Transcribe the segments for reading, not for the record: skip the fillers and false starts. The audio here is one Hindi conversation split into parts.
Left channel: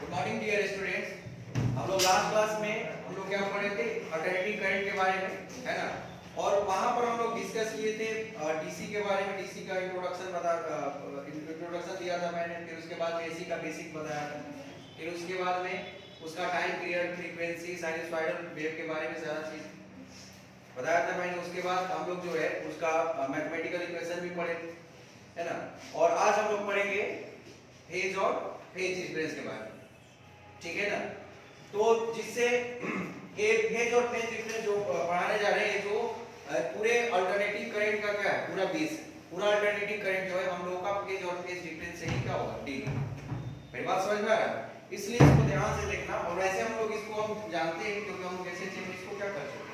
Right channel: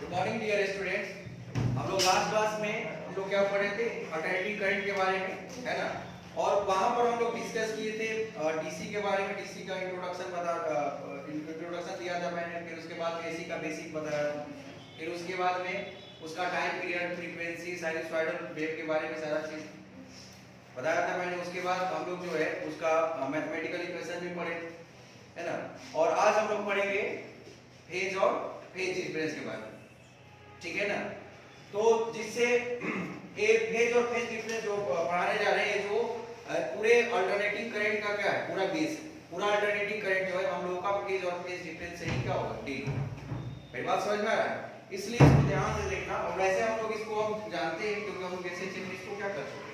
Good morning dear students. हम लोग लास्ट क्लास में हम लोग क्या पढ़े थे, अल्टरनेटिंग करंट के बारे में, है ना। और वहां पर हम लोग डिस्कस किए थे डीसी के बारे में। डीसी का इंट्रोडक्शन दिया था मैंने, फिर उसके बाद एसी का बेसिक बताया, फिर उसके बाद में उसका time period, frequency, sinusoidal wave के बारे में सारा चीज बताया था मैंने। उसके बाद हम लोग जो है उसका मैथमेटिकल इक्वेशन भी पढ़े थे, है ना। और आज हम लोग पढ़ेंगे फेज और फेज डिफरेंस के बारे में, ठीक है ना। तो जिससे फेज और फेज डिफरेंस जो पढ़ाने जा रहे हैं, जो पूरे अल्टरनेटिंग करंट का क्या है, पूरा बेस, पूरा अल्टरनेटिंग करंट जो है हम लोग का फेज और फेज डिफरेंस से ही क्या होगा, डील होगा। मेरी बात समझ में आ रहा है? इसलिए इसको ध्यान से देखना। और वैसे हम लोग इसको हम जानते हैं क्योंकि हम कैसे चीज इसको क्या कर चुके,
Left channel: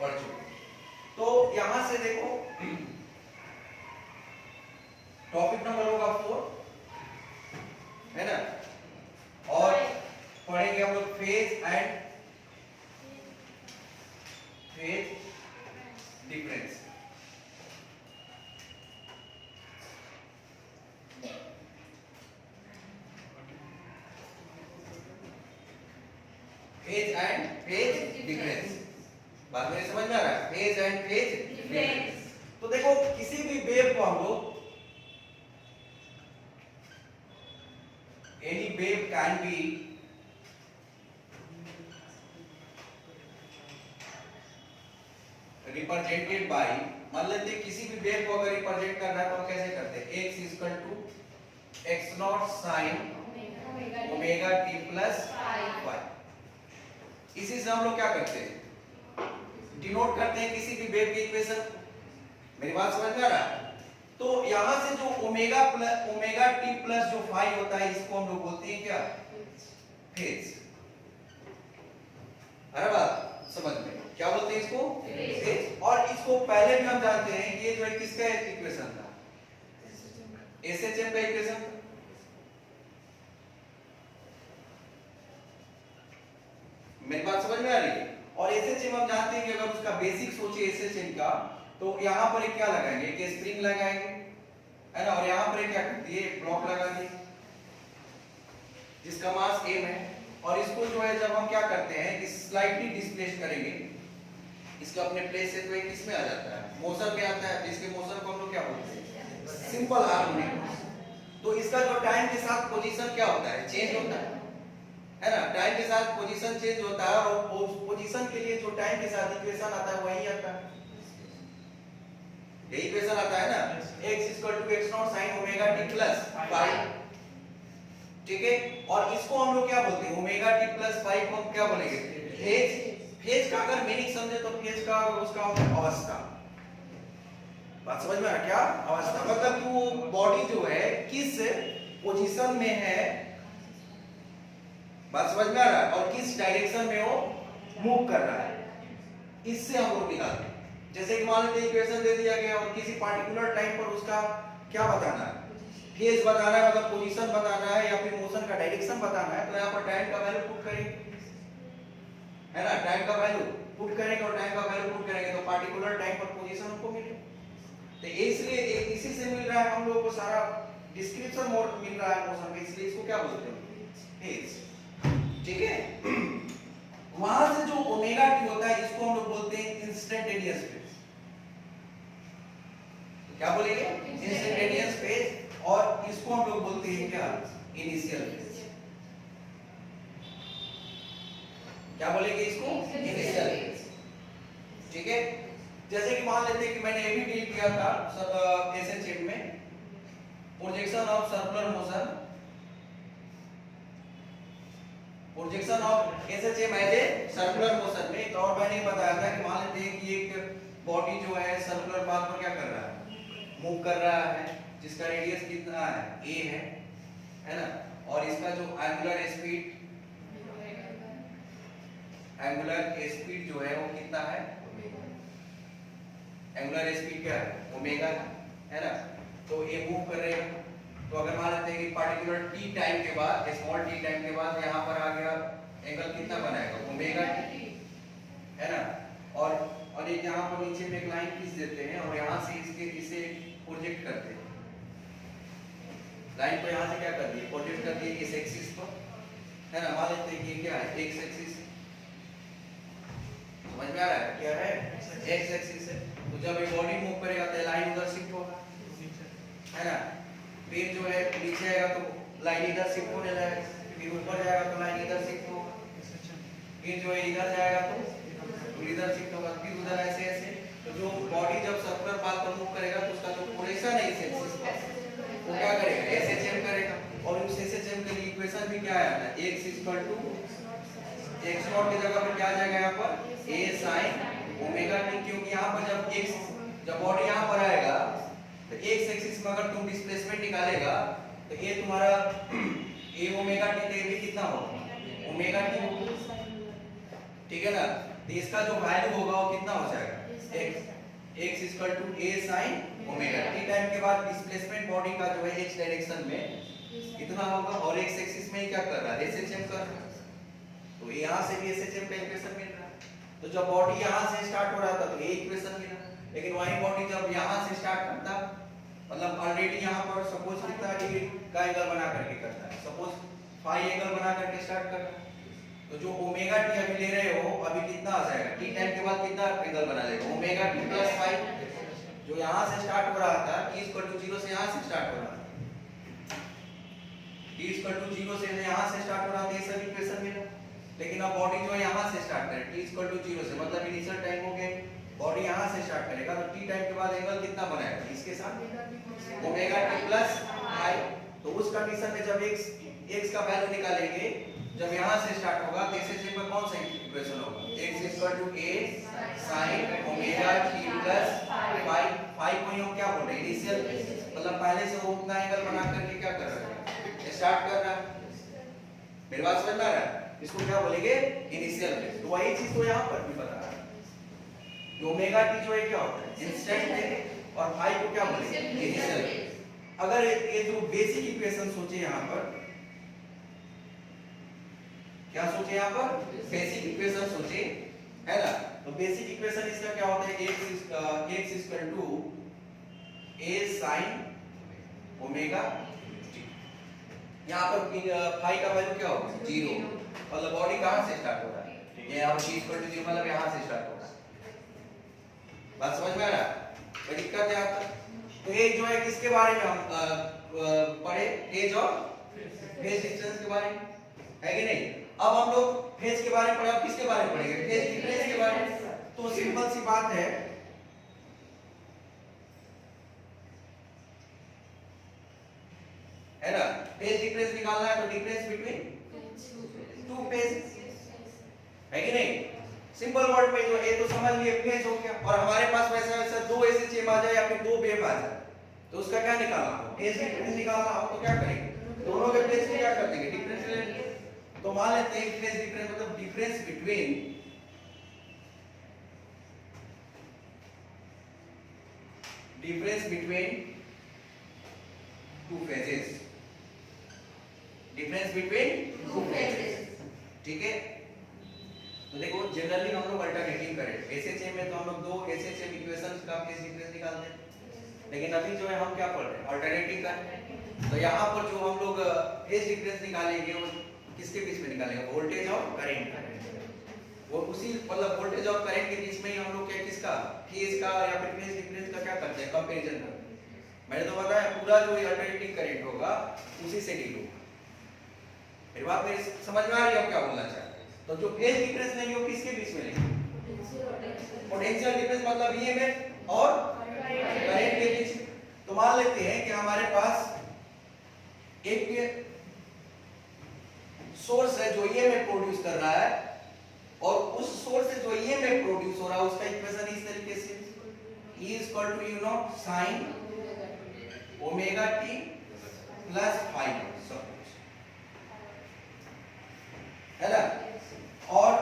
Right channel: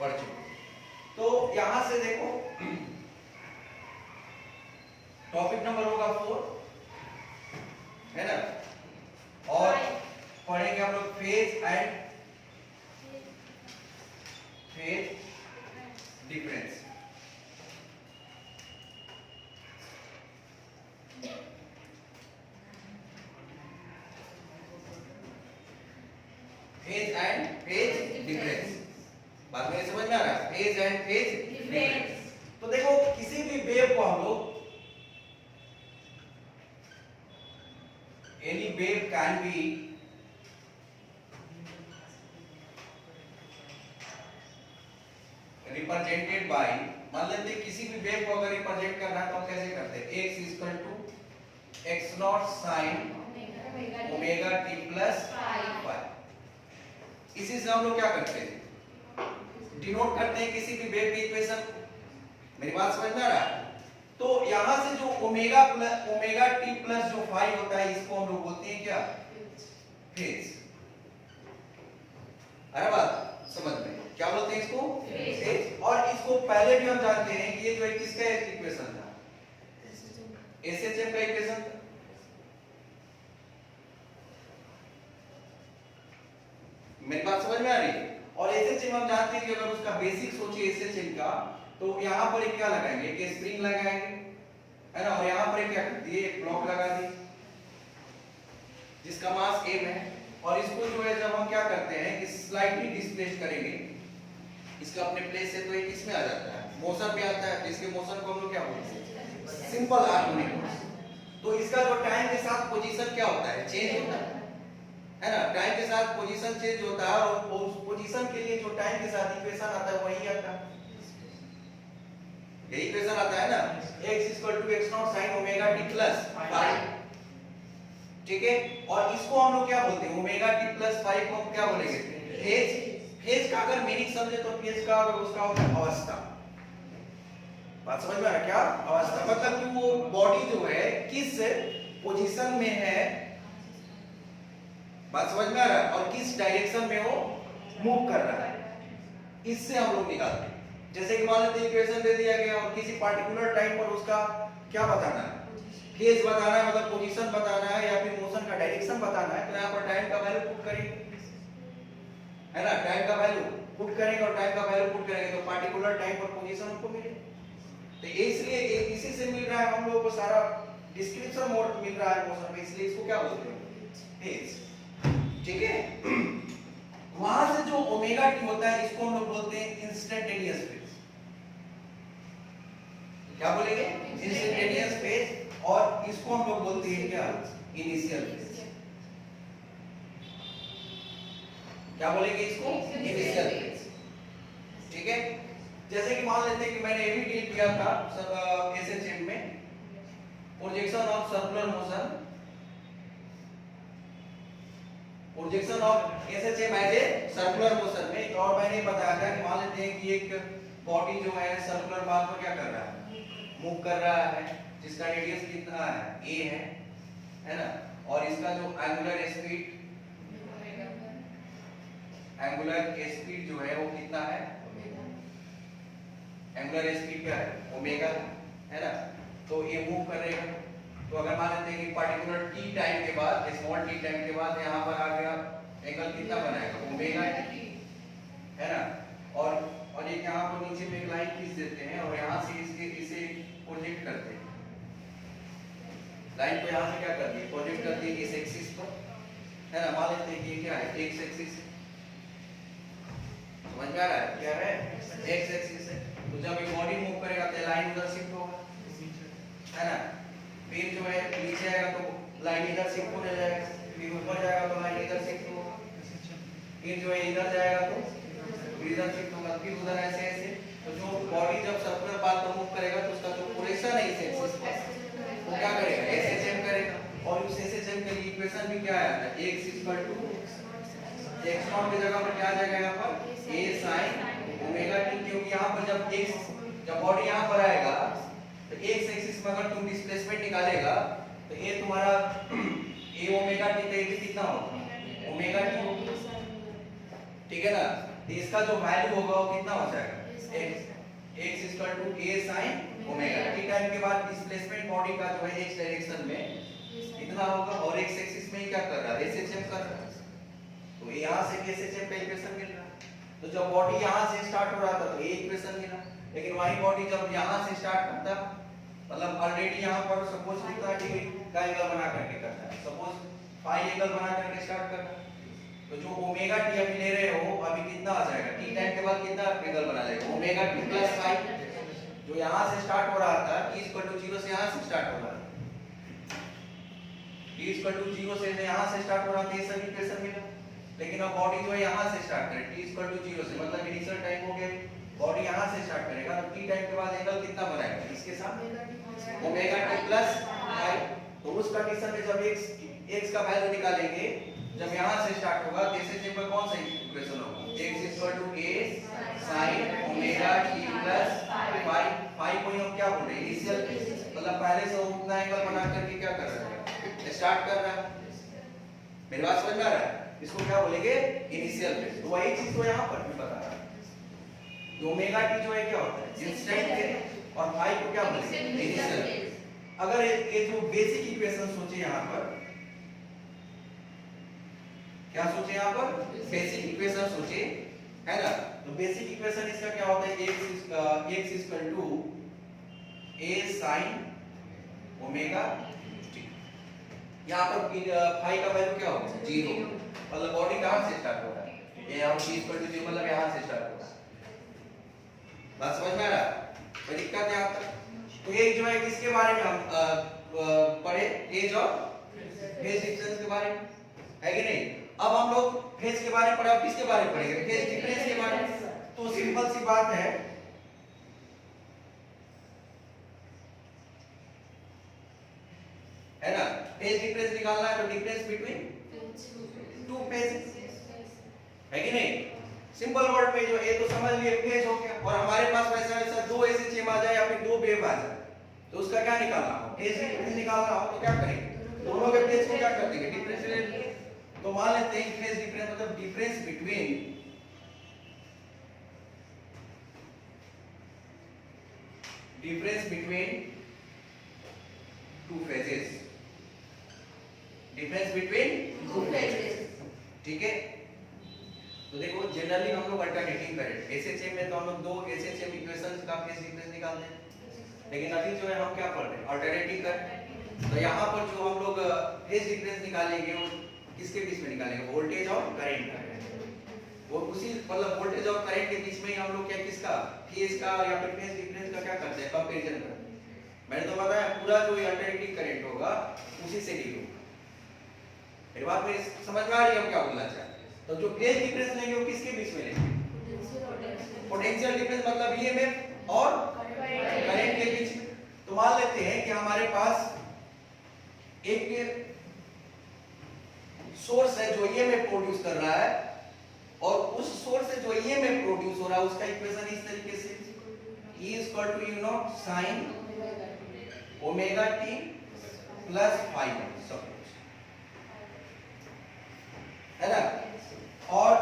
पढ़ चुके। तो यहां से देखो, टॉपिक नंबर होगा 4, है ना। और पढ़ेंगे हम लोग phase and phase difference. Phase and phase difference, बात में समझ में आ रहा है? Phase and phase difference. तो देखो, किसी भी वेव को हम लोग, any wave can be represented by, मान लेते हैं किसी भी वेव को अगर रिप्रेजेंट करना है तो हम कैसे करते हैं, x equal to x nought sine omega t plus phi. इसी से हम लोग क्या करते हैं, डिनोट करते हैं किसी भी वेव की इक्वेशन। मेरी बात समझ में आ रहा है? तो यहां से जो ओमेगा t प्लस जो फाई होता है, इसको हम लोग बोलते हैं क्या, फेज। अरे बात समझ में, क्या बोलते हैं इसको, फेज। और इसको पहले भी हम जानते हैं कि ये जो है किसका इक्वेशन था, एसएचएम का इक्वेशन था। मेरी बात समझ में आ रही है? और एसएचएम हम जानते हैं कि अगर उसका बेसिक सोचिए एसएचएम का, तो यहां पर एक क्या लगाएंगे, एक स्प्रिंग लगाएंगे, है ना। और यहां पर एक क्या करती है, एक ब्लॉक लगा दिए जिसका मास m है। और इसको जो है जब हम क्या करते हैं कि स्लाइटली डिस्प्लेस करेंगे इसका अपने प्लेस से, तो एक इसमें आ जाता है, मोशन में आता है। इसके मोशन को हम लोग क्या बोलते हैं, सिंपल हार्मोनिक। तो इसका जो टाइम के साथ पोजीशन क्या होता है, चेंज होता है ना। टाइम के साथ पोजीशन चेंज होता है, और उस पोजीशन के लिए जो टाइम के साथ इक्वेशन आता है वही आता है, यही इक्वेशन आता है ना, x x nought sin omega t plus phi, ठीक है। और इसको हम लोग क्या बोलते हैं, ओमेगा t प्लस फाई को हम क्या बोलेंगे, फेज। फेज का अगर मीनिंग समझे तो फेज का उसका होता है अवस्था। बात समझ में आ रहा, क्या अवस्था, मतलब कि वो बॉडी जो है किस पोजीशन में है, बात समझ में आ रहा है, और किस डायरेक्शन में वो मूव कर रहा है, इससे हम लोग निकालते हैं। जैसे कि मान लेते हैं इक्वेशन दे दिया गया और किसी पार्टिकुलर टाइम पर उसका क्या बताना है, फेज बताना है, मतलब पोजीशन बताना है, या फिर मोशन का डायरेक्शन बताना है। तो यहाँ पर टाइम का वैल्यू पुट करेंगे, है ना। टाइम का वैल्यू पुट करेंगे और टाइम का वैल्यू पुट करेंगे, तो पार्टिकुलर टाइम पर पोजीशन हमको मिलेगा। तो इसलिए इसी से मिल रहा है हम लोगों को सारा डिस्क्रिप्शन मोड मिल रहा है मोशन का, इसलिए इसको क्या बोलते हैं, फेज, ठीक है। वहां से जो ओमेगा टी होता है, इसको हम लोग बोलते हैं इंस्टेंटेनियस फेज। क्या बोलेंगे, इंस्टेंटेनियस फेज। और इसको हम लोग बोलते हैं क्या, इनिशियल फेज। क्या बोलेंगे इसको, इनिशियल फेज, ठीक है। जैसे कि मान लेते हैं कि मैंने अभी डील किया था सब एसएचएम में, projection of circular motion, projection of SHM as a circular motion में। तो और मैंने बताया था कि मान लेते हैं कि एक बॉडी जो है सर्कुलर पाथ पर क्या कर रहा है, मूव कर रहा है, जिसका रेडियस कितना है, a है ना। और इसका जो एंगुलर स्पीड जो है वो कितना है, एंगुलर स्पीड क्या है, ओमेगा, है ना। तो ये मूव करेगा। तो अगर मान लेते हैं कि पार्टिकुलर t टाइम के बाद, स्मॉल t टाइम के बाद यहाँ पर आ गया, एंगल कितना बनाएगा, ओमेगा, है ना। और एक यहाँ पर नीचे में एक लाइन खींच देते हैं और यहाँ से इसे प्रोजेक्ट करते हैं, लाइन को यहाँ से क्या कर दिए, प्रोजेक्ट कर दिए इस एक्सिस पर, है ना, मान लेते हैं कि ये क्या है, एक्स एक्सिस, समझ में आ रहा है क्या है, एक्स एक्सिस है। तो जब ये बॉडी मूव करेगा तो लाइन उधर शिफ्ट होगा, है ना, फिर जो है नीचे आएगा तो लाइन इधर शिफ्ट होने लगेगा, फिर ऊपर जाएगा तो लाइन इधर शिफ्ट होगा, फिर जो है इधर जाएगा तो इधर शिफ्ट होगा, फिर उधर ऐसे ऐसे। तो जो बॉडी जब सर्कुलर पाथ पर मूव करेगा तो उसका जो पोजीशन है इस एक्सिस पर वो क्या करेगा, एसएचएम करेगा। और उस एसएचएम के लिए इक्वेशन भी क्या आया था, x equal to x nought की जगह पर क्या आ जाएगा यहाँ पर a sin ओमेगा t, क्योंकि यहाँ पर जब बॉडी यहाँ पर आएगा तो x एक्सिस में अगर तुम डिस्प्लेसमेंट निकालेगा तो ये तुम्हारा a ओमेगा t, तो ये भी कितना होगा ओमेगा t होगा, ठीक है ना। तो इसका जो वैल्यू होगा वो कितना हो जाएगा, x equal to a sin omega t। Time के बाद डिस्प्लेसमेंट बॉडी का जो है x डायरेक्शन में कितना होगा, और x एक्सिस में क्या कर रहा है, एसएचएम कर रहा है, तो यहाँ से भी एसएचएम का इक्वेशन मिल रहा है। तो जब बॉडी यहाँ से स्टार्ट हो रहा था तो ये इक्वेशन मिला, लेकिन वही बॉडी जब यहाँ से स्टार्ट करता, मतलब ऑलरेडी यहाँ पर सपोज कितना डिग्री का एंगल बना करके करता है, सपोज फाई एंगल बना करके स्टार्ट करता है, तो जो ओमेगा टी अभी ले रहे हो अभी कितना आ जाएगा, टी टाइम के बाद कितना एंगल बना लेगा, ओमेगा टी प्लस फाई। जो यहाँ से स्टार्ट हो रहा था t इक्वल टू 0 से यहाँ से स्टार्ट हो रहा था, t इक्वल टू 0 से यहाँ से स्टार्ट हो रहा था, ये सभी इक्वेशन मिला। लेकिन अब बॉडी जो है यहाँ से स्टार्ट करे, t इक्वल टू 0 से मतलब इनिशियल टाइम हो गया, बॉडी यहाँ से स्टार्ट करेगा तो t टाइम के बाद एंगल कितना बनाएगा, इसके साथ ओमेगा टी प्लस फाई। तो उस कंडीशन में जब x का वैल्यू निकालेंगे, जब यहाँ से स्टार्ट होगा तो एसएचएम में कौन सा इक्वेशन होगा, x equal to a sin omega t plus phi. Phi को हम क्या बोलते हैं, इनिशियल, मतलब पहले से वो उतना एंगल बना करके क्या कर रहा है, स्टार्ट कर रहा है। मेरी बात समझ में आ रहा है, इसको क्या बोलेंगे इनिशियल पे। तो वही चीज को यहाँ पर भी बता रहा है, ओमेगा टी जो है क्या होता है इंस्टेंट पे, और फाई को क्या बोलेंगे इनिशियल पे। अगर ये जो बेसिक इक्वेशन सोचे यहाँ पर, क्या सोचे यहाँ पर, बेसिक इक्वेशन सोचे, है ना। तो बेसिक इक्वेशन इसका क्या होता है, x equal to a sin omega t। यहाँ पर फाई का वैल्यू क्या होगा 0, मतलब बॉडी कहाँ से स्टार्ट हो रहा है, ये यहाँ t इक्वल टू 0 मतलब यहाँ से स्टार्ट हो रहा है। बात समझ में आ रहा है, कोई दिक्कत है आप तक। तो ये जो है किसके बारे में हम पढ़े, ये जो फेज डिफरेंस के बारे में है कि नहीं। अब हम लोग फेज के बारे में पढ़े, अब किसके बारे में पढ़ेंगे, फेज डिफरेंस के बारे में। तो सिंपल सी बात है ना, फेज डिफरेंस निकालना है तो डिफरेंस बिटवीन टू फेज, है कि नहीं। सिंपल वर्ड में जो ये तो समझ लिए फेज हो गया, और हमारे पास वैसा वैसा दो एसएचएम आ जाए या फिर दो वेव आ जाए तो उसका क्या निकालना हो, फेज डिफरेंस निकालना हो तो क्या करेंगे, दोनों के फेज को क्या कर देंगे डिफरेंस ले लेंगे। तो मान लेते हैं फेज डिफरेंस मतलब difference between two phases, difference between two phases, ठीक है। तो देखो जनरली हम लोग अल्टरनेटिंग करेंट, एसएचएम में तो हम लोग दो एसएचएम इक्वेशंस का फेज डिफरेंस निकालते हैं, लेकिन अभी जो है हम क्या पढ़ रहे हैं अल्टरनेटिंग कर। तो यहाँ पर जो हम लोग फेज डिफरेंस निकालेंगे वो किसके बीच में निकालेंगे, वोल्टेज और करंट, वो उसी मतलब वोल्टेज और करंट के बीच में ही हम लोग क्या किसका फेज का या फिर फेज डिफरेंस का क्या करते हैं कंपैरिजन करते हैं। मैंने तो बताया पूरा जो अल्टरनेटिंग करंट होगा उसी से डील होगा। मेरी बात मेरी समझ में आ रही है हम क्या बोलना चाहते हैं। तो जो फेज डिफरेंस लेंगे वो किसके बीच में लेंगे, पोटेंशियल डिफरेंस मतलब ईएमएफ और करंट के बीच। तो मान लेते हैं कि हमारे पास एक सोर्स है जो ईएमएफ प्रोड्यूस कर रहा है, और उस सोर्स से जो ईएमएफ प्रोड्यूस हो रहा है उसका इक्वेशन इस तरीके से E equal to you know sine omega t plus phi सब कुछ, है ना। और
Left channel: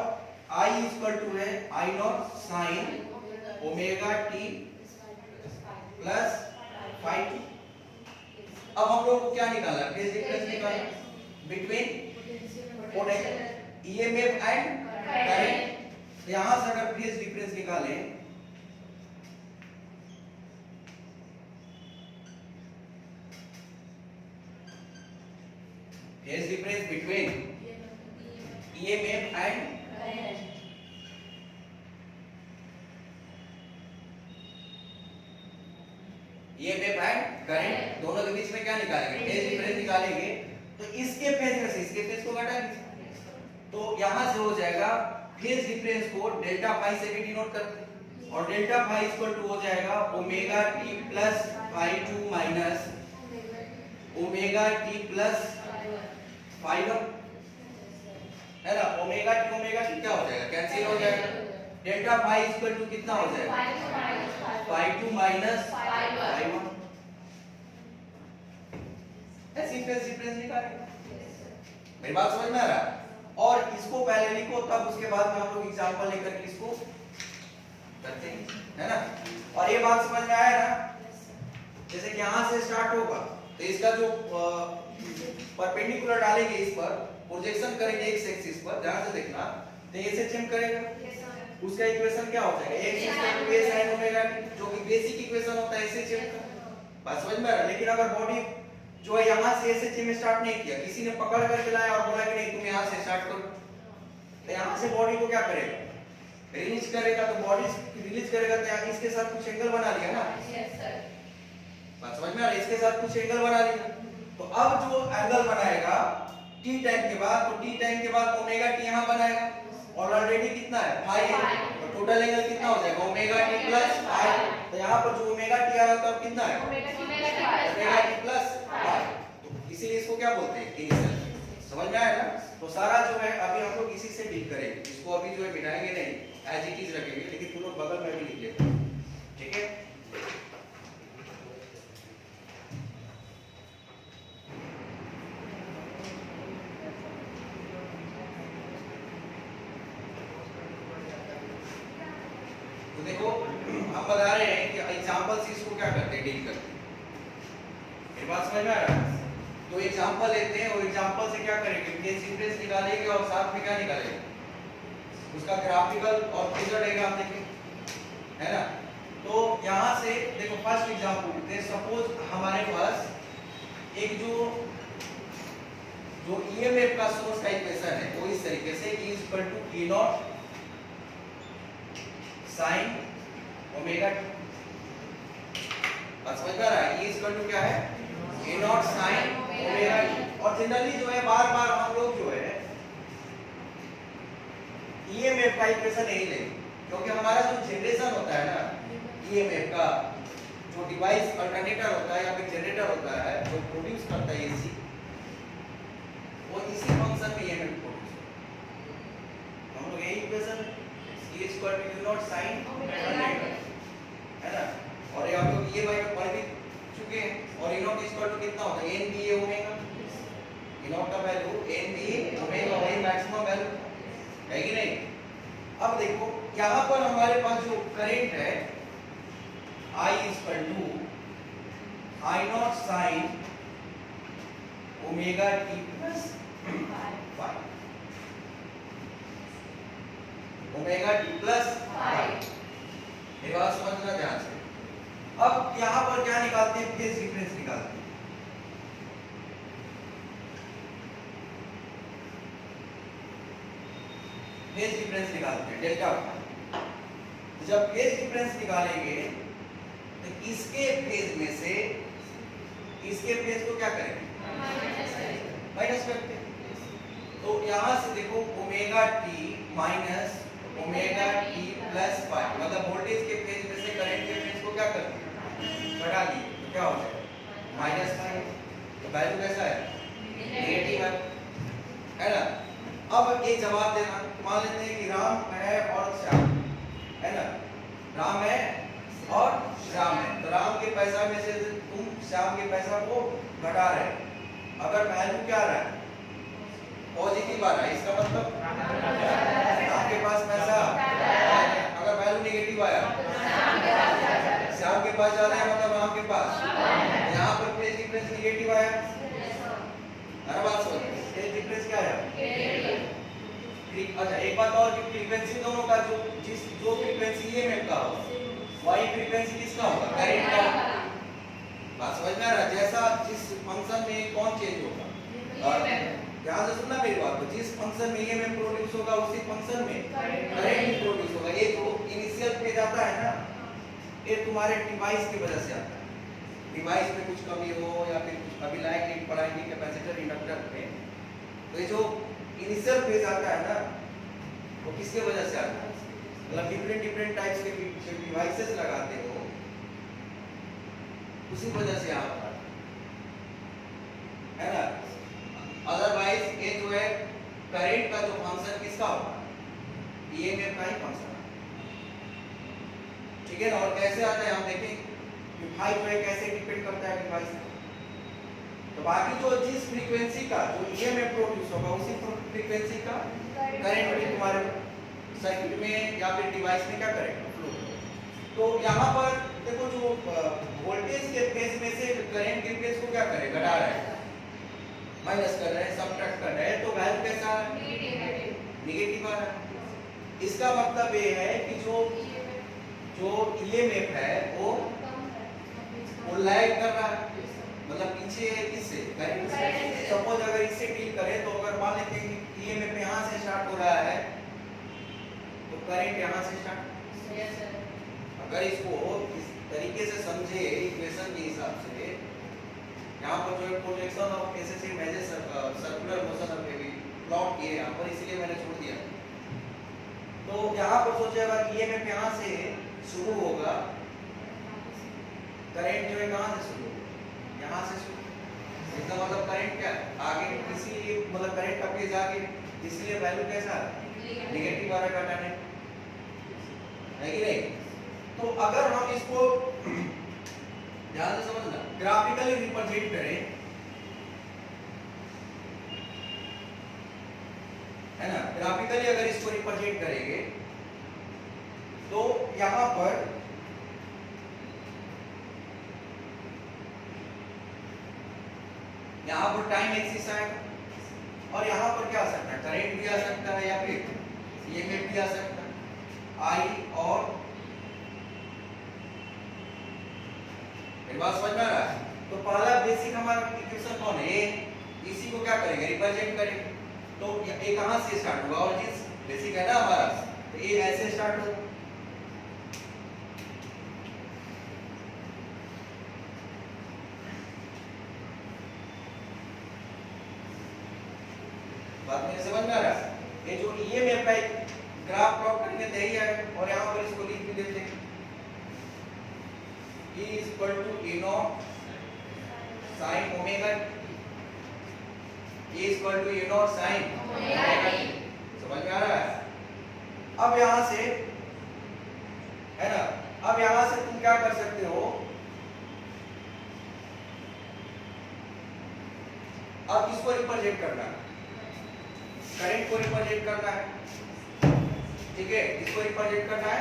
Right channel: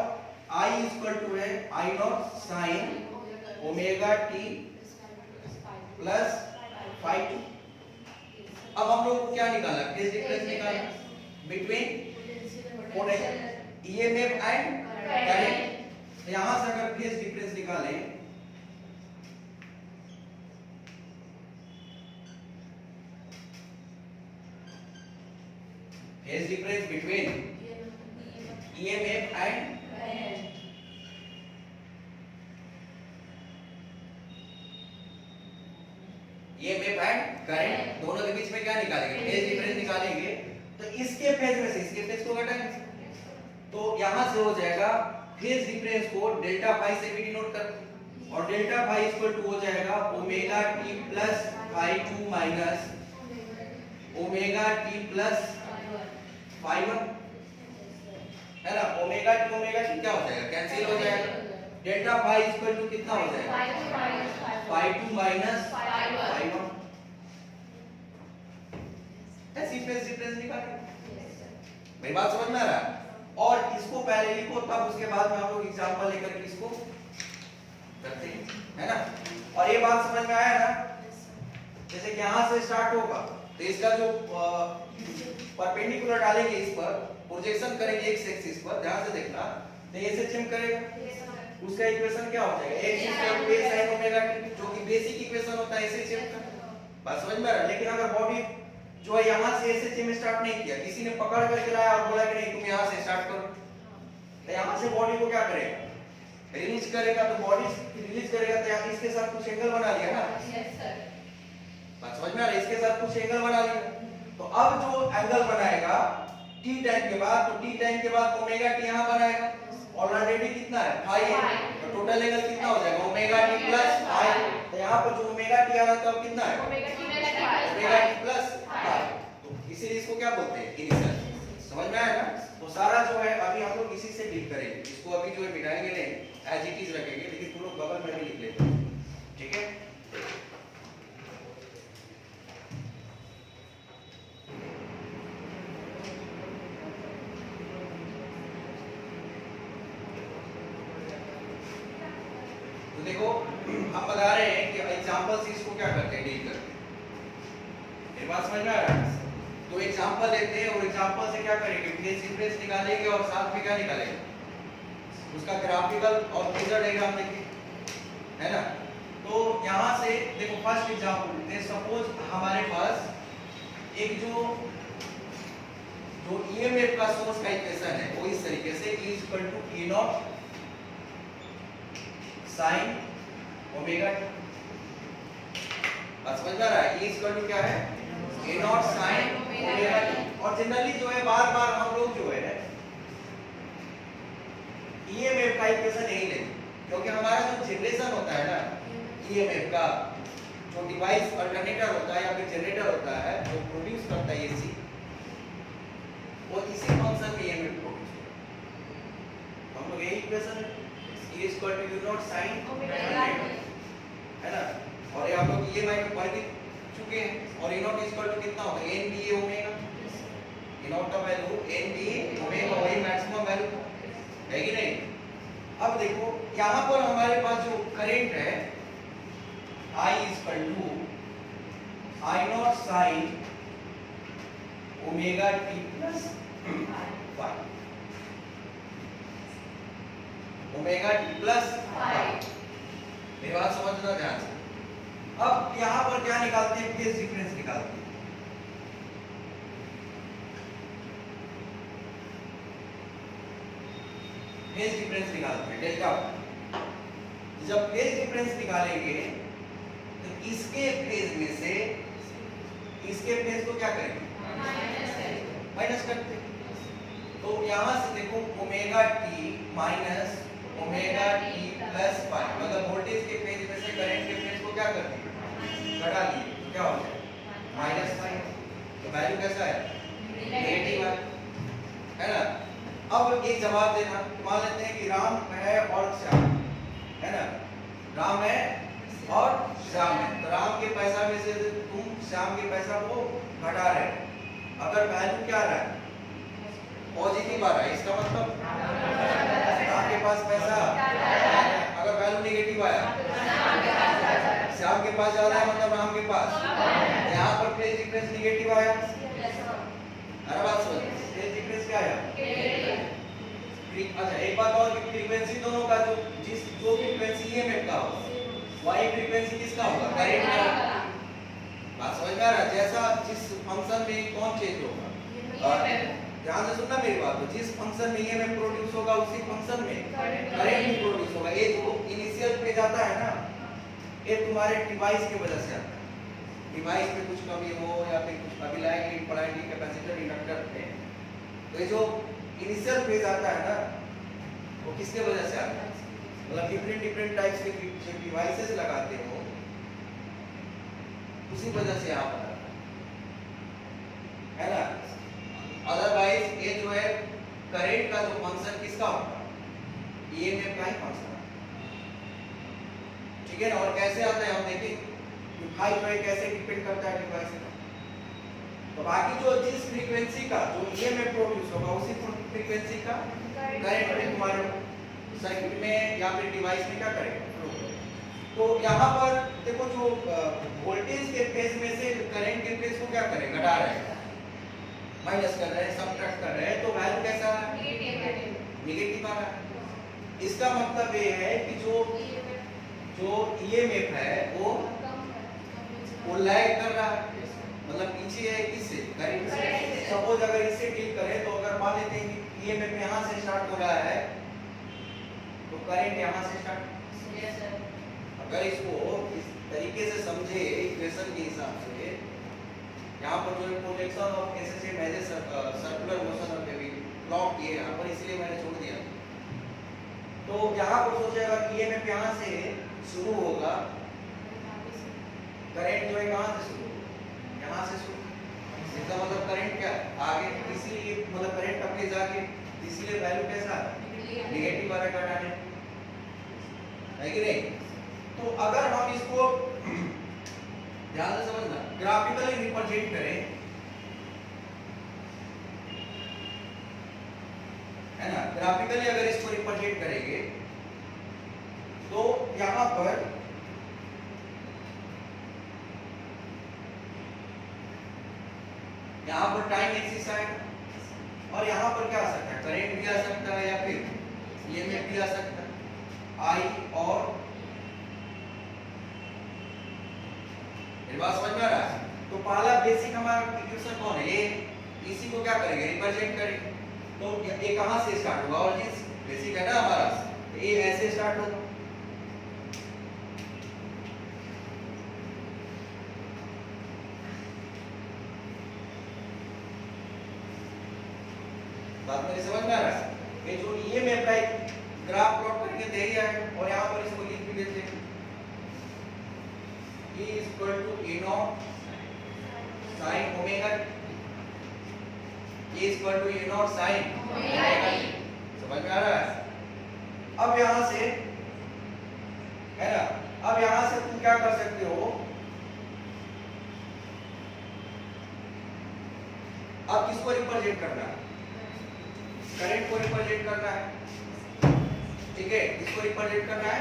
I इक्वल टू है I naught sine omega t plus phi. अब हम लोग को क्या निकालना, फेज डिफरेंस निकालना बिटवीन ईएमएफ एंड करंट। तो यहां से अगर फेज डिफरेंस निकालें phase difference between EMF and current दोनों के बीच में क्या निकालेंगे? फेज डिफरेंस निकालेंगे। तो इसके फेज में से इसके फेज को घटाएंगे, तो यहां से हो जाएगा फेज डिफरेंस को डेल्टा फाई से भी डिनोट करते, और डेल्टा फाई इक्वल टू हो जाएगा omega t plus phi 2 minus omega t plus phi 1, है ना। ओमेगा टी क्या हो जाएगा? कैंसिल हो जाएगा। डेल्टा फाई इक्वल टू कितना हो जाएगा? Phi 2 minus phi 1। ऐसी फेज डिफरेंस निकालेंगे। मेरी बात समझ में आ रहा है? और इसको पहले लिखो, तब उसके बाद में हम लोग एग्जांपल लेकर के इसको करते हैं, है ना। और ये बात समझ में आया ना? जैसे कि यहां से स्टार्ट होगा तो इसका जो परपेंडिकुलर डालेंगे, इस पर प्रोजेक्शन करेंगे एक्स एक्सिस पर, ध्यान से देखना, तो एसएचएम करेगा, उसका इक्वेशन क्या हो जाएगा? x equal to a sin omega t, जो कि बेसिक इक्वेशन होता है एसएचएम का। बात समझ में आ रहा है? लेकिन अगर बॉडी जो है यहां से एसएचएम स्टार्ट नहीं किया, किसी ने पकड़ करके लाया और बोला कि नहीं तुम यहां से स्टार्ट करो, तो यहां से बॉडी को क्या करेगा? रिलीज करेगा। तो बॉडी रिलीज करेगा तो यहाँ इसके साथ कुछ एंगल बना लिया ना। Yes sir. बात समझ में आ रहा है? इसके साथ कुछ एंगल बना लिया, तो अब जो एंगल बनाएगा t टाइम के बाद, तो t टाइम के बाद ओमेगा t यहां बनाएगा, और ऑलरेडी कितना है? फाई है, तो टोटल एंगल कितना हो जाएगा? Omega t plus phi. तो यहां पर जो ओमेगा t आ रहा था अब कितना है? Omega t plus phi. तो इसीलिए इसको क्या बोलते हैं? इनिशियल। समझ में आया ना? तो सारा जो है अभी हम लोग इसी से डील करेंगे। इसको अभी जो है मिटाएंगे नहीं, एज इट इज रखेंगे, लेकिन तुम लोग बगल में भी लिख लेते, ठीक है। तो देखो हम बता रहे हैं कि एग्जांपल से इसको क्या करते हैं? डील करते हैं। ये बात समझ में आ रहा है? तो एग्जांपल लेते हैं और एग्जांपल से क्या करेंगे? फेज डिफरेंस निकालेंगे और साथ में क्या निकालेंगे? उसका ग्राफिकल और फेजर डायग्राम देखेंगे, है ना। तो यहां से देखो फर्स्ट एग्जांपल लेते हैं। सपोज हमारे पास एक जो ईएमएफ का सोर्स का इक्वेशन है वो इस तरीके से E equal to E nought sine omega t। बस समझ में आ रहा है? E इक्वल टू क्या है? A not sine omega t। और जनरली जो है बार बार हम लोग जो है ईएमएफ का इक्वेशन नहीं लेंगे, क्योंकि हमारा जो जनरेशन होता है ना ईएमएफ का, जो डिवाइस अल्टरनेटर होता है या फिर जनरेटर होता है जो प्रोड्यूस करता है एसी, वो इसी फंक्शन में ईएमएफ प्रोड्यूस करता है। हम लोग यही equation E equal to U nought sine omega, है ना। और ये हम लोग EMI में पढ़ भी चुके हैं। और E नॉट इक्वल टू कितना होता है? n ba omega. E not का वैल्यू n ba ओमेगा, वही मैक्सिमम वैल्यू है कि नहीं। अब देखो यहाँ पर हमारे पास जो करंट है I equal to I nought sine omega t plus phi, omega t plus phi. ये बात समझना ध्यान से। अब यहाँ पर क्या निकालते हैं? फेज डिफरेंस निकालते हैं। फेज डिफरेंस निकालते हैं डेल्टा। जब फेज डिफरेंस निकालेंगे तो इसके फेज में से इसके फेज को क्या करेंगे? माइनस करते हैं। तो यहाँ से देखो omega t minus omega t plus phi, मतलब वोल्टेज के फेज में से करंट के फेज को क्या करते हैं? घटा दिए, तो क्या हो जाएगा? Minus phi. तो वैल्यू कैसा है? नेगेटिव है ना। अब एक जवाब देना, मान लेते हैं कि राम है और श्याम, है ना। राम है और श्याम है, तो राम के पैसा में से तुम श्याम के पैसा को घटा रहे, अगर वैल्यू क्या आ रहा है? पॉजिटिव आ रहा है, इसका मतलब राम के पास पैसा, अगर वैल्यू नेगेटिव आया श्याम के पास जा रहा है, मतलब राम के पास, यहाँ पर फेज डिफरेंस नेगेटिव आया, है बात समझ। फेज डिफरेंस क्या है? अच्छा एक बात और, फ्रीक्वेंसी दोनों का जो फ्रीक्वेंसी ईएमएफ का हो वही फ्रीक्वेंसी किसका होगा? करंट का। बात समझ में आ रहा है? जैसा जिस फंक्शन में कौन चेंज होगा, ध्यान से सुनना मेरी बात। तो जिस फंक्शन में ईएमएफ प्रोड्यूस होगा उसी फंक्शन में करंट भी प्रोड्यूस होगा। ये जो इनिशियल फेज आता है ना, ये तुम्हारे डिवाइस की वजह से आता है। डिवाइस में कुछ कमी हो या फिर कुछ अभी लाएंगे पढ़ाएंगे कैपेसिटर इंडक्टर में, तो ये जो इनिशियल फेज आता है ना वो किसके वजह से आता है? मतलब डिफरेंट टाइप्स के डिवाइसेस लगाते हो उसी वजह से यहाँ पर है ना। अदरवाइज ये जो है करंट का जो फंक्शन किसका होगा? ईएमएफ का ही फंक्शन, ठीक है ना। और कैसे आता है हम देखेंगे कि भाई जो है कैसे डिपेंड करता है डिवाइस पर। तो बाकी जो जिस फ्रीक्वेंसी का जो ईएमएफ प्रोड्यूस होगा उसी फ्रीक्वेंसी का करंट में तुम्हारे सर्किट में या फिर डिवाइस में क्या करेगा? फ्लो करेगा। तो यहाँ पर देखो जो वोल्टेज के फेज में से करंट के फेज को क्या करेगा? घटा रहा है, माइनस कर रहे हैं, सबट्रैक्ट कर रहे हैं, तो वैल्यू कैसा है? नेगेटिव आ रहा है। इसका मतलब ये है कि जो ईएमएफ है वो लैग कर रहा है, मतलब पीछे है किससे? करंट से। सपोज अगर इससे डील करें तो अगर मान लेते हैं कि ईएमएफ यहाँ से स्टार्ट हो रहा है तो करंट यहाँ से स्टार्ट। अगर इसको इस तरीके से समझे इक्वेशन के हिसाब से, यहाँ पर जो projection of SSA major circular motion of wave plot किए यहाँ पर, इसलिए मैंने छोड़ दिया। तो यहाँ पर सोचेगा कि ईएमएफ यहाँ से शुरू होगा, करंट जो है कहाँ से शुरू होगा? यहाँ से शुरू। इसका मतलब करंट क्या है? आगे, इसीलिए मतलब करंट का फेज आगे, इसलिए वैल्यू कैसा है? नेगेटिव आ रहा है, है कि नहीं? तो अगर हम इसको ध्यान से समझना, ग्राफिकली रिप्रेजेंट करें, है ना, ग्राफिकली अगर इसको रिप्रेजेंट करेंगे तो यहां पर टाइम एक्सिस आएगा और यहां पर क्या आ सकता है? करंट भी आ सकता है या फिर ईएमएफ भी आ सकता है, आई और बात समझ में आ रहा है? तो पहला बेसिक हमारा इक्वेशन कौन है? ये इसी को क्या करेंगे? रिप्रेजेंट करेंगे। तो ये कहां से स्टार्ट होगा? और जिस बेसिक है ना हमारा, तो ये ऐसे स्टार्ट होगा, बात मेरी समझ में आ रहा है? ये जो ईएमएफ का ग्राफ प्लॉट करके दे दिया है और यहां पर इसको लिख भी देते हैं, E equal to A naught sin omega, E equal to A naught sin omega t। समझ में आ रहा है? अब यहां से, है ना, अब यहां से तुम क्या कर सकते हो? अब किसको रिप्रेजेंट करना है? करंट को रिप्रेजेंट करना है, ठीक है? किसको रिप्रेजेंट करना है?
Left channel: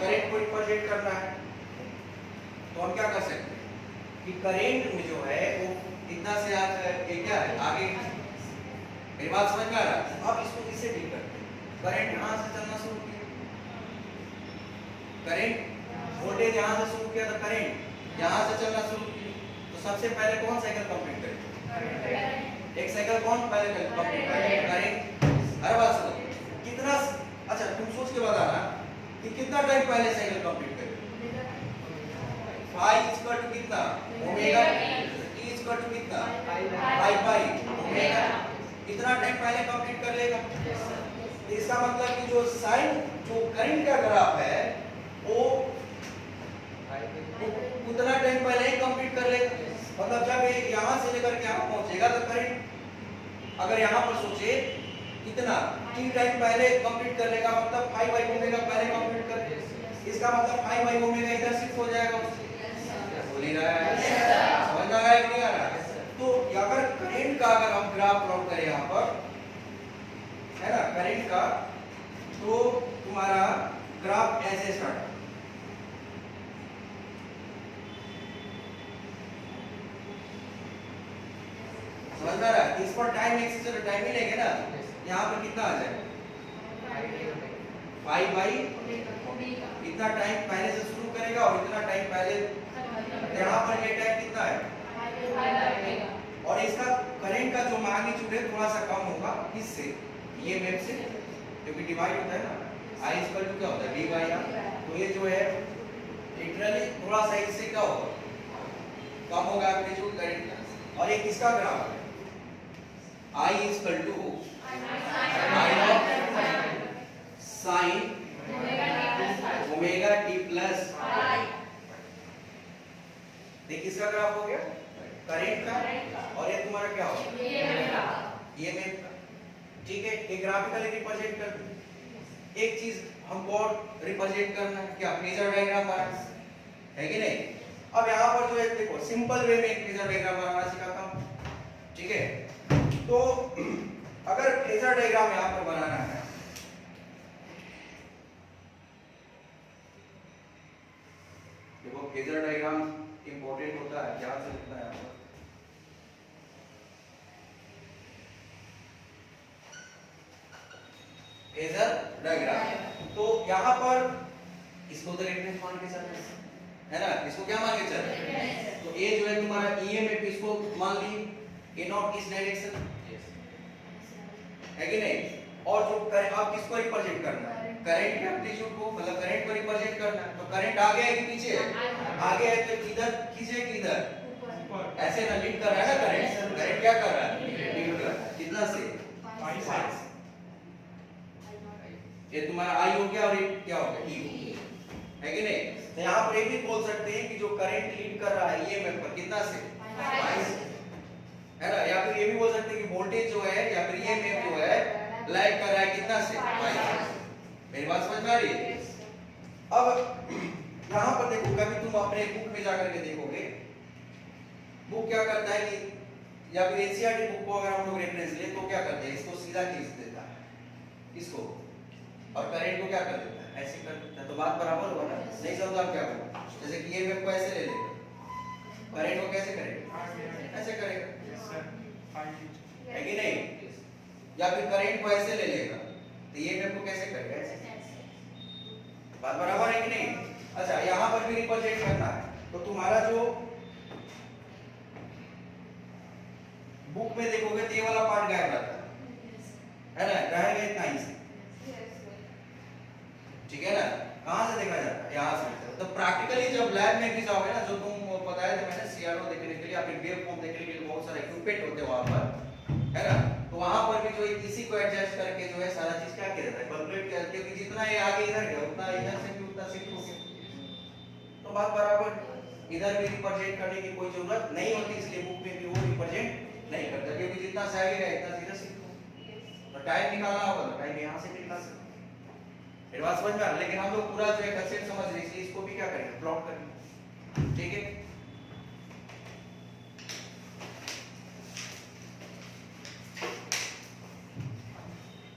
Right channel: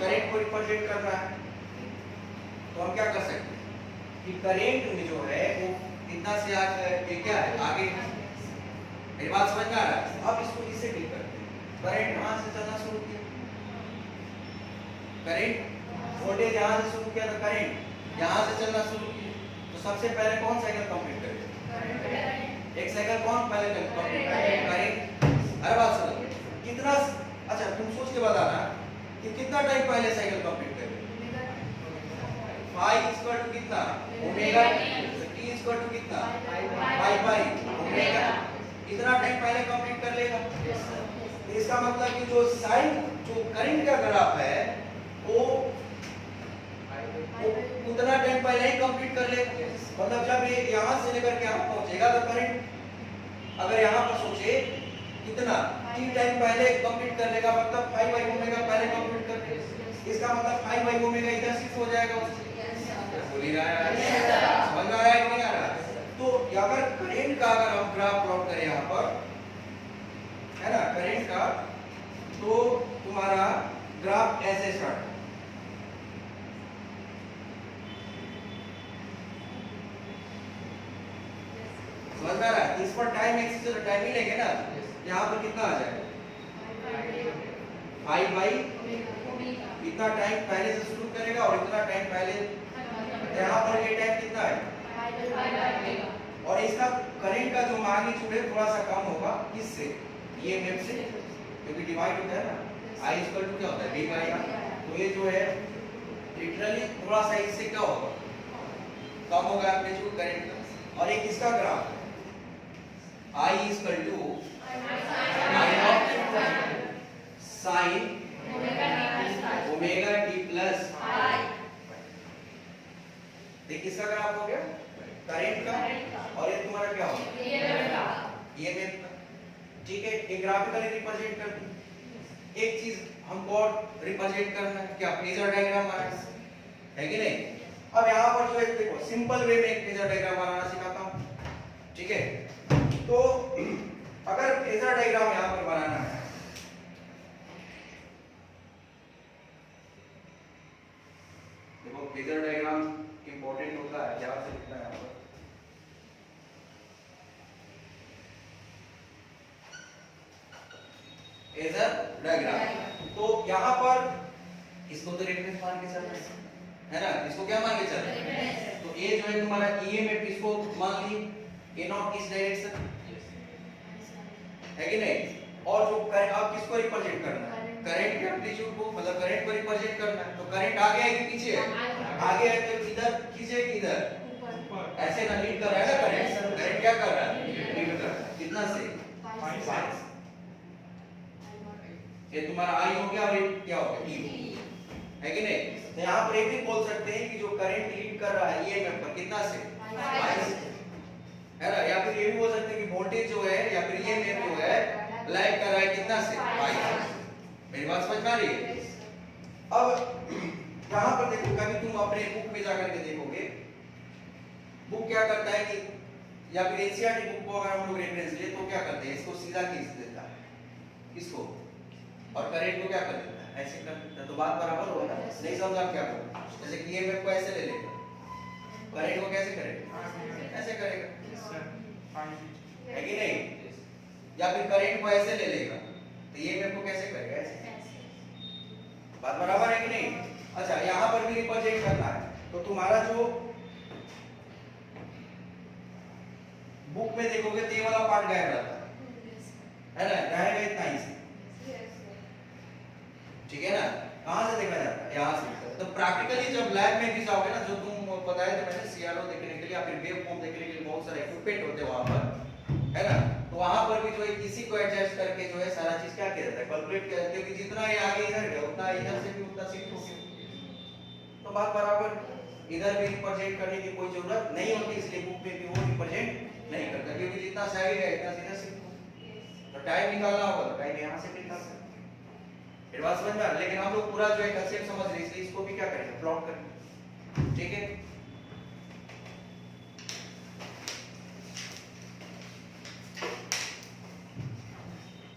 करंट को रिप्रेजेंट करना है। तो हम क्या कर सकते हैं कि करंट में जो है वो कितना से ये क्या है? आगे। मेरी बात समझ में आ रहा है? अब इसको किससे डील करते हैं? करंट यहां से चलना शुरू किया, करंट वोल्टेज यहां से शुरू किया, तो करंट यहां से चलना शुरू किया। तो सबसे पहले कौन साइकिल कंप्लीट करेगा? एक साइकिल कौन पहले कंप्लीट करेगा? करंट। हर बात समझ कितना? अच्छा तुम सोच के बताना कि कितना टाइम पहले साइकिल कंप्लीट करेगा? फाई इक्वल टू कितना? ओमेगा टी इक्वल टू कितना? पाई पाई ओमेगा। इतना टाइम पहले कंप्लीट कर लेगा। तो इसका मतलब कि जो साइन जो करंट का ग्राफ है वो उतना टाइम पहले ही कंप्लीट कर लेगा। मतलब जब ये यहां से लेकर के यहां पहुंचेगा तो करंट अगर यहां पर सोचे कितना टी टाइम पहले कंप्लीट कर लेगा, मतलब 5/ओमेगा पहले कंप्लीट कर लेगा। इसका मतलब 5/ओमेगा इधर शिफ्ट हो जाएगा। समझ में आ रहा है कि नहीं आ रहा? तो अगर करंट का अगर हम ग्राफ प्लॉट करें यहाँ पर, है ना, करंट का, तो तुम्हारा ग्राफ ऐसे स्टार्ट है। समझ में आ रहा है? इस पर टाइम एक्सिस टाइम ही लेंगे ना, यहाँ पर कितना आ जाएगा? 5/, इतना टाइम पहले से शुरू करेगा और इतना टाइम पहले, यहाँ पर ये टाइम कितना है? और इसका करंट का जो मैग्नीट्यूड है थोड़ा सा कम होगा किससे, ईएमएफ से, क्योंकि डिवाइड होता है ना, आई इक्वल टू क्या होता है, वी बाई आर। तो ये जो है लिटरली थोड़ा सा इससे क्या होगा, कम होगा एम्पलीट्यूड करंट का। और एक इसका ग्राफ है, I equal to sine omega t plus, ये किसका ग्राफ हो गया, करंट का, और ये तुम्हारा क्या होगा, ईएमएफ का। ठीक है, एक ग्राफिकली रिप्रेजेंट कर दी। एक चीज हमको रिप्रेजेंट करना है, क्या फेजर डायग्राम बनाना है कि नहीं। अब यहाँ पर जो है देखो सिंपल वे में एक फेजर डायग्राम बनाना सिखाता हूँ, ठीक है। तो अगर फेजर डायग्राम यहाँ पर बनाना है, देखो फेजर डायग्राम इंपॉर्टेंट होता है, ध्यान से लिखना है यहाँ पर। फेजर डायग्राम, तो यहाँ पर इसको तो रेफरेंस मान के चल है ना, इसको क्या मान के चल, तो ये जो है तुम्हारा ईएमएफ, इसको मान ली ए नॉट इस डायरेक्शन है कि नहीं। और जो अब किसको रिप्रेजेंट करना है, करंट के एम्पलीट्यूड को, मतलब करंट को रिप्रेजेंट करना है। तो करंट आगे है कि पीछे है, आगे है, तो इधर खींचे कि इधर, ऐसे ना लीड कर रहा है ना करंट, करंट क्या कर रहा है, लीड कर रहा है, कितना से 5। ये तुम्हारा आई हो गया और ये क्या हो गया, ई है कि नहीं। तो यहाँ पर ये भी बोल सकते हैं कि जो करंट लीड कर रहा है ईएमएफ पर कितना से 5 है ना, या फिर ये भी बोल सकते हैं कि वोल्टेज जो है या फिर ईएमएफ जो है लाइक कर रहा है कितना से 5। मेरी बात समझ में आ रही है। अब यहाँ पर देखो, कभी तुम अपने बुक में जाकर के देखोगे, बुक क्या करता है कि, या फिर एनसीईआरटी बुक को अगर हम लोग रेफरेंस ले तो क्या करते हैं, इसको सीधा खींच देता है इसको, और करंट को क्या कर देता है, ऐसे कर देता है। तो बात बराबर हुआ ना, नहीं समझा क्या करो, जैसे कि ईएमएफ को ऐसे ले लेगा, करंट को कैसे करेगा, ऐसे करेगा है कि नहीं, या फिर करंट को ऐसे ले लेगा तो ईएमएफ को कैसे करेगा, ऐसे। बात बराबर है कि नहीं। अच्छा, यहाँ पर भी रिप्रेजेंट करना है, तो तुम्हारा जो बुक में देखोगे तो ये वाला पार्ट गायब रहता है ना, गायब है इतना ही से, ठीक है ना। कहां से देखा जाता है, यहाँ से। तो प्रैक्टिकली जब लैब में भी जाओगे ना, जो तुम बताया तो मैंने सीआरओ देखने के लिए या फिर वेव फॉर्म देखने के लिए बहुत सारे इक्विपमेंट होते हैं वहां पर, है ना। तो वहां पर भी जो है किसी को एडजस्ट करके जो है सारा चीज क्या किया जाता है, कैलकुलेट किया, क्योंकि जितना ये आगे इधर गया उतना इधर से भी उतना शिफ्ट हो गया। तो बात बराबर, इधर भी रिप्रेजेंट करने की कोई जरूरत नहीं होती, इसलिए बुक में भी वो रिप्रेजेंट नहीं करता, क्योंकि जितना सही है इतना सीधा शिफ्ट हो। तो टाइम निकालना होगा तो टाइम यहाँ से भी निकाल सकते, फिर बात समझ में आ रहा है। लेकिन हम लोग पूरा जो है कंसेप्ट समझ रहे हैं, इसलिए इसको भी क्या करेंगे, प्लॉट करेंगे, ठीक है।